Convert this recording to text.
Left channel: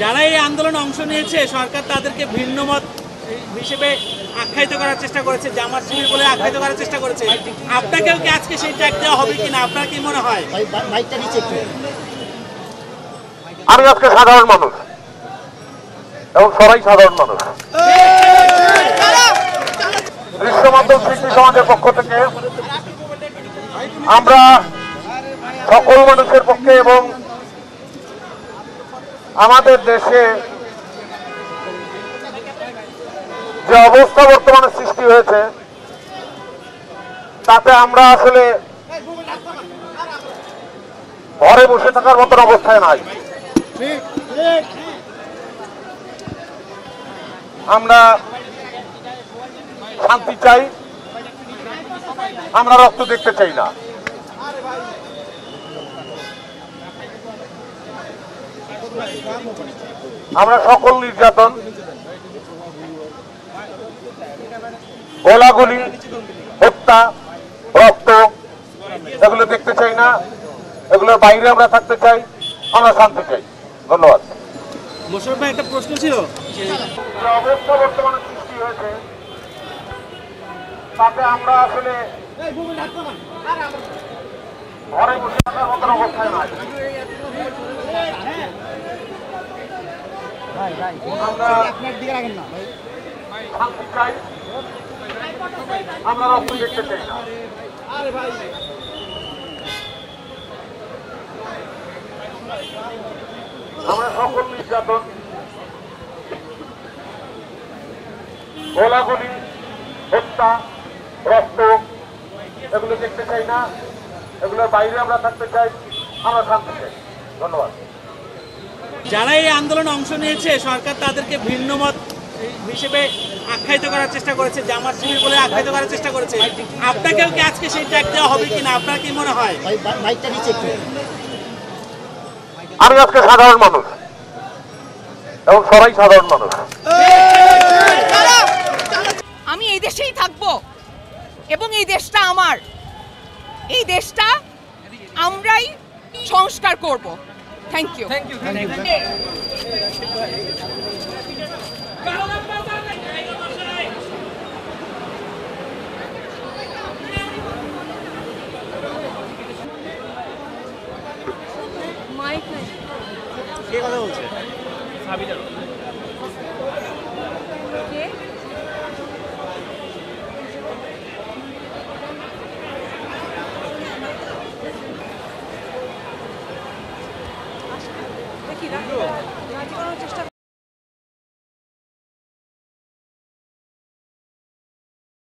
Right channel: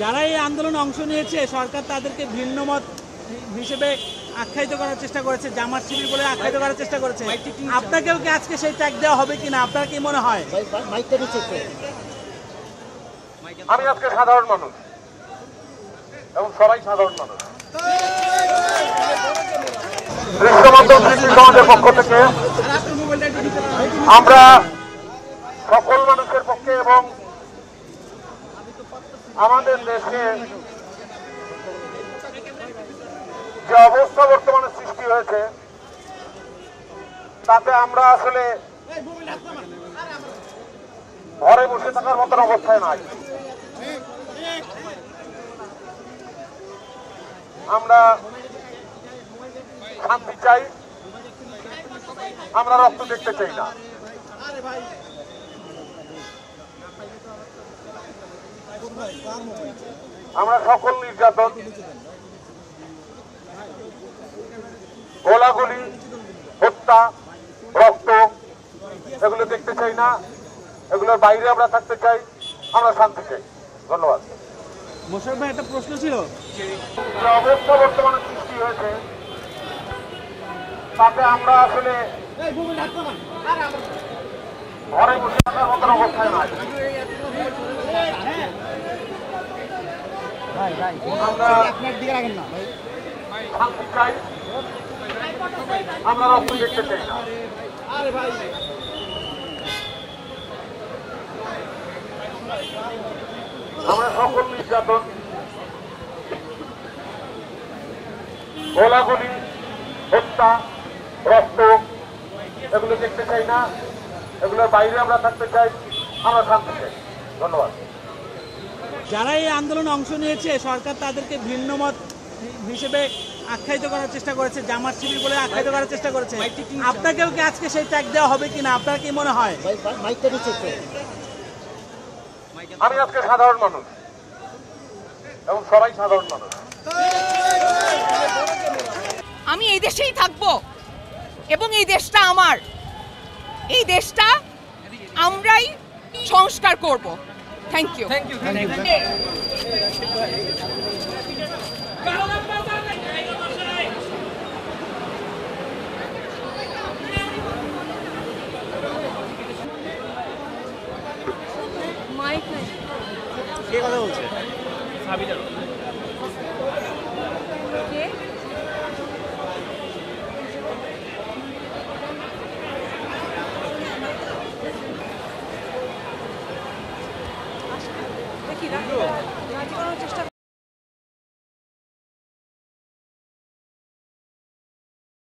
যারা এই আন্দোলনে অংশ নিয়েছে সরকার তাদেরকে ভিন্নমত হিসেবে আখ্যায়িত করার চেষ্টা করেছে, জামাত শিবির বলে আখ্যায়িত করার চেষ্টা করেছে। আপনাকেও কি আজকে সেই ট্যাগ দেওয়া হবে কিনা, আপনার কি মনে হয়? আমি আজকে সাধারণ মানুষ এবং সবাই সাধারণ মানুষ। বিশ্বমাধ্যম সৃষ্টি সমাজের পক্ষ থেকে আমরা সকল মানুষের পক্ষে এবং আমাদের দেশে যে অবস্থা বর্তমানে সৃষ্টি হয়েছে তাতে আমরা আসলে ঘরে বসে থাকার মতন অবস্থায় নাই। আমরা শান্তি চাই, আমরা রক্ত দেখতে চাই না। আমরা সকল নির্যাতন, গোলাগুলি, হত্যা, রক্ত এগুলো দেখতে চাই না। এগুলোর বাইরে আমরা থাকতে চাই, আমরা শান্তি চাই। ধন্যবাদ। মোশাররফ ভাই, একটা প্রশ্ন ছিল, যে অবস্থা বর্তমানে সৃষ্টি হয়েছে তাতে আমরা আসলে ঘরে বসে থাকার মতন অবস্থায় নাই। আমরা শান্তি চাই, আমরা রক্ত দেখতে চাই না। আমরা সকল নির্যাতন, গোলাগুলি, হত্যা, রক্ত এগুলো দেখতে চাই না। এগুলোর বাইরে আমরা থাকতে চাই, আমরা শান্তি চাই। ধন্যবাদ। যারা এই আন্দোলনে অংশ নিয়েছে সরকার তাদেরকে ভিন্নমত হিসেবে আখ্যায়িত করার চেষ্টা করেছে, জামাত শিবির বলে আখ্যায়িত করার চেষ্টা করেছে। আপনাকেও কি আজকে সেই ট্যাগ দেওয়া হবে কিনা, আপনার কি মনে হয়? আমি আজকে সাধারণ মানুষ এবং সবাই সাধারণ মানুষ। আমি এই দেশেই থাকবো এবং এই দেশটা আমার, এই দেশটা আমরাই সংস্কার করব। Thank you. কে কথা বলছে?